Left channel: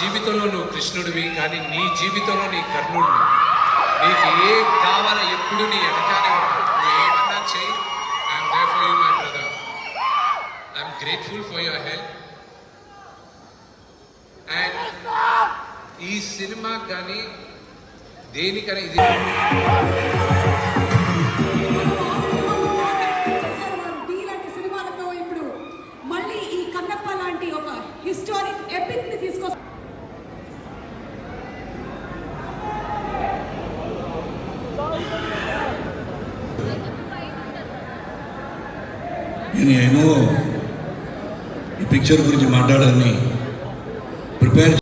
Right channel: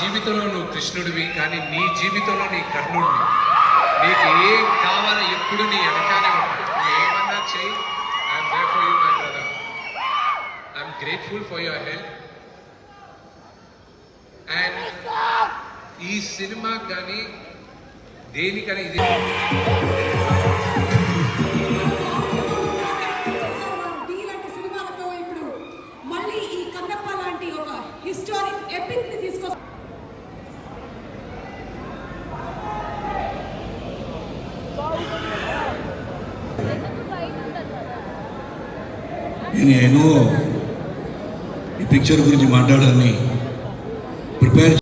జీవితంలో నువ్వు కృష్ణుడివి, కానీ నీ జీవితంలో నీ కర్ణుడివి. నీకు ఏం కావాలో ఎప్పుడు నీ వెనకాలే ఉంటావు. నువ్వు ఏమన్నా చెయ్యి, I'm there for you my brother. I'm grateful for your help. And ఈ సినిమా కానీ దేనికైనా ఇది మళ్ళీ ఈ కన్నప్ప లాంటి ఒక హిస్టారిక్ ఎపిక్ ని తీసుకొస్తారు. నేను ఈ పిక్చర్ గురించి మాట్లాడాలని